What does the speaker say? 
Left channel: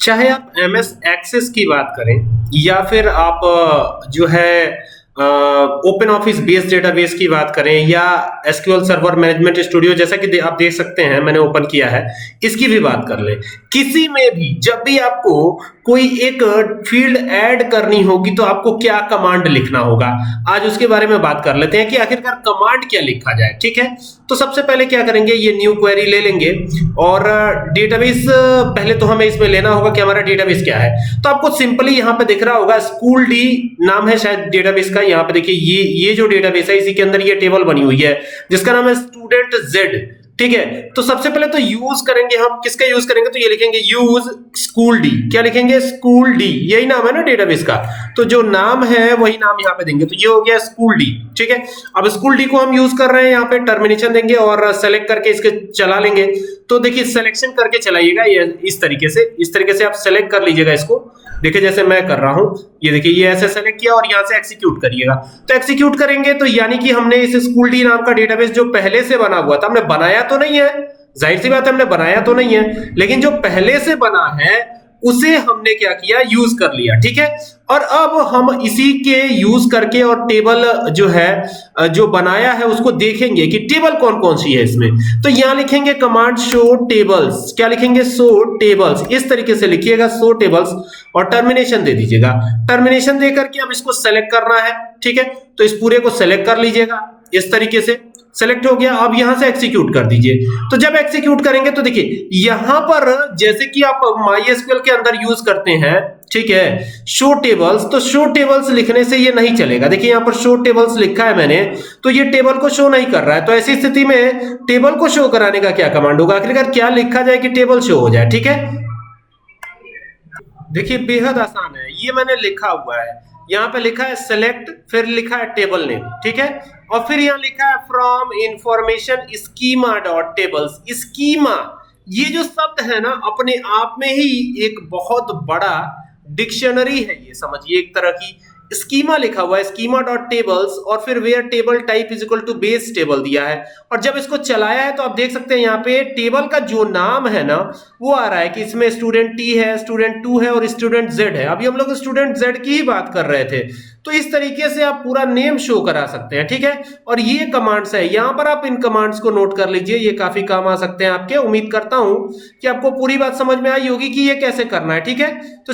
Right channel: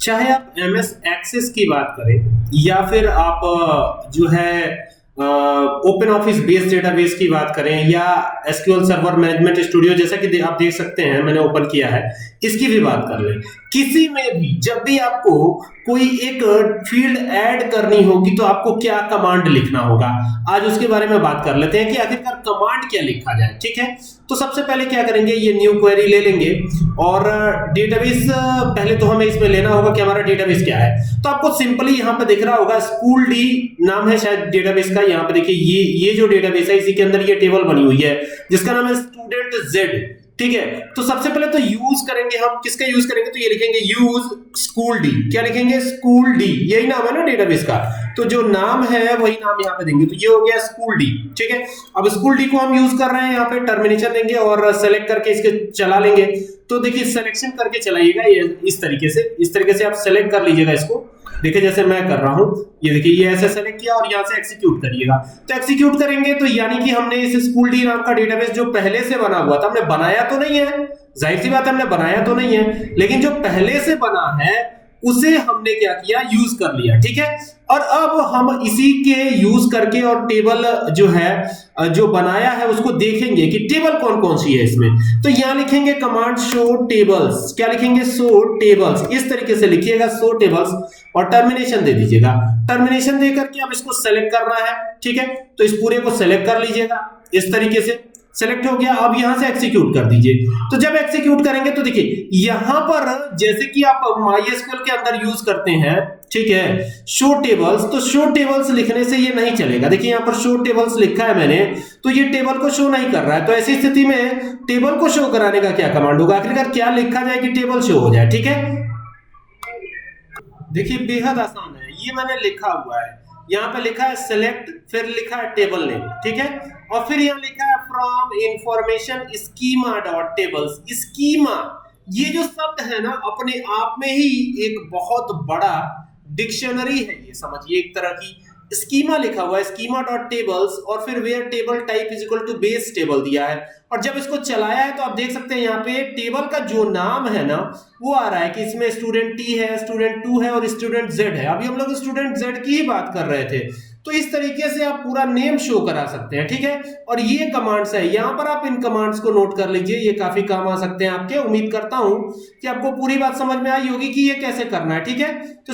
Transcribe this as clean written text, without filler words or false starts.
चाहे आप MS access की बात करें या फिर आप जो है ओपन ऑफिस बेस्ड डेटाबेस की बात करें या एसक्यूएल सर्वर मैनेजमेंट स्टूडियो जैसा कि आप देख सकते हैं मैंने ओपन किया है, इसकी भी बात कर लें। किसी में भी जब भी आपको कोई एक फील्ड ऐड करनी होगी तो आपको क्या कमांड लिखना होगा, आज उसके बारे में बात कर लेते हैं कि आखिरकार कमांड क्या लिखा जाए। ठीक है, तो सबसे पहले क्या करेंगे, ये न्यू क्वेरी ले लेंगे और डेटाबेस पहले तो हमें इसमें लेना होगा कि हमारा डेटाबेस क्या है। तो आपको सिंपली यहाँ पे दिख रहा होगा स्कूल डी नाम है शायद डेटाबेस का। यहाँ पे देखिए ये जो डेटाबेस है इसी के अंदर ये टेबल बनी हुई है जिसका नाम है स्टूडेंट जेड। ठीक है, तो सबसे पहले तो यूज करेंगे, हम किसका यूज करेंगे, तो ये लिखेंगे यूज स्कूल डी। क्या लिखेंगे, स्कूल डी, यही नाम है ना डेटाबेस का, तो जो नाम है वही नाम यहाँ पे देंगे, तो ये हो गया स्कूल डी। ठीक है, अब स्कूल डी को हम यूज कर रहे हैं, यहाँ पे टर्मिनेशन देंगे और सेलेक्ट करके इसके चला लेंगे। तो देखिए सिलेक्शन करके चलाइएगा, ये इस तरीके से आप सेलेक्ट कर लीजिएगा इसको। देखिए जैसे मैं कर रहा हूं, ये देखिए ये ऐसे सेलेक्ट किया और यहां से एग्जीक्यूट करिएगा। तो एग्जीक्यूट करेंगे तो यानी कि हमने इस स्कूल डी नाम का डेटाबेस जो पहले से बना हुआ था, हमने बनाया तो नहीं है, जाहिर सी बात है हमने बनाया तो नहीं है, लेकिन जो पहले से बना है उसे हमने क्या किया, यूज कर लिया। ठीक है, और अब हम इसी के यूज करके और टेबल जो है जो बनाया है उसको देखेंगे कि टेबल कौन कौन सी है इसमें। तो यहां लिखेंगे कमांड शो टेबल्स। क्या लिखेंगे, शो टेबल्स, इस तरीके से लिखिएगा शो टेबल्स और टर्मिनेशन दे दीजिएगा। टर्मिनेशन देकर के अब इसको सेलेक्ट करना है। ठीक है, तो इस पूरे को सेलेक्ट कर लीजिएगा, इस तरीके से सेलेक्ट हो गया। अब यहां से एग्जीक्यूट कर दीजिए। तो जब एग्जीक्यूट करेंगे तो देखिए यहां पर जैसे कि आप MySQL के अंदर यूज करते हैं, ठीक है, शो टेबल्स, तो शो टेबल्स लिखने से ये नहीं चलेगा। देखिए यहां पर शो टेबल्स लिखा है मैंने, तो ये टेबल को शो नहीं कर रहा है। तो ऐसी स्थिति में टेबल को शो कराने का क्या कमांड होगा, आखिरकार क्या लिखा जाए कि टेबल शो हो जाए। ठीक है, देखिए बेहद आसान है, ये मैंने लिखा हुआ है, यहाँ पे लिखा है सेलेक्ट, फिर लिखा है टेबल नेम। ठीक है, और फिर यहाँ लिखा है from information schema dot tables. Schema, ये जो शब्द है ना अपने आप में ही एक बहुत बड़ा डिक्शनरी है, ये समझिए एक तरह की। स्कीमा लिखा हुआ है, स्कीमा डॉट टेबल्स, और फिर where table type is equal to base table दिया है। और जब इसको चलाया है तो आप देख सकते हैं यहाँ पे टेबल का जो नाम है ना वो आ रहा है कि इसमें स्टूडेंट टी है, स्टूडेंट टू है और स्टूडेंट जेड है। अभी हम लोग स्टूडेंट जेड की ही बात कर रहे थे, तो इस तरीके से आप पूरा नेम शो करा सकते हैं। ठीक है, और ये कमांड्स है, यहां पर आप इन कमांड्स को नोट कर लीजिए, ये काफी काम आ सकते हैं आपके। उम्मीद करता हूं कि आपको पूरी बात समझ में आई होगी कि ये कैसे करना है। ठीक है, तो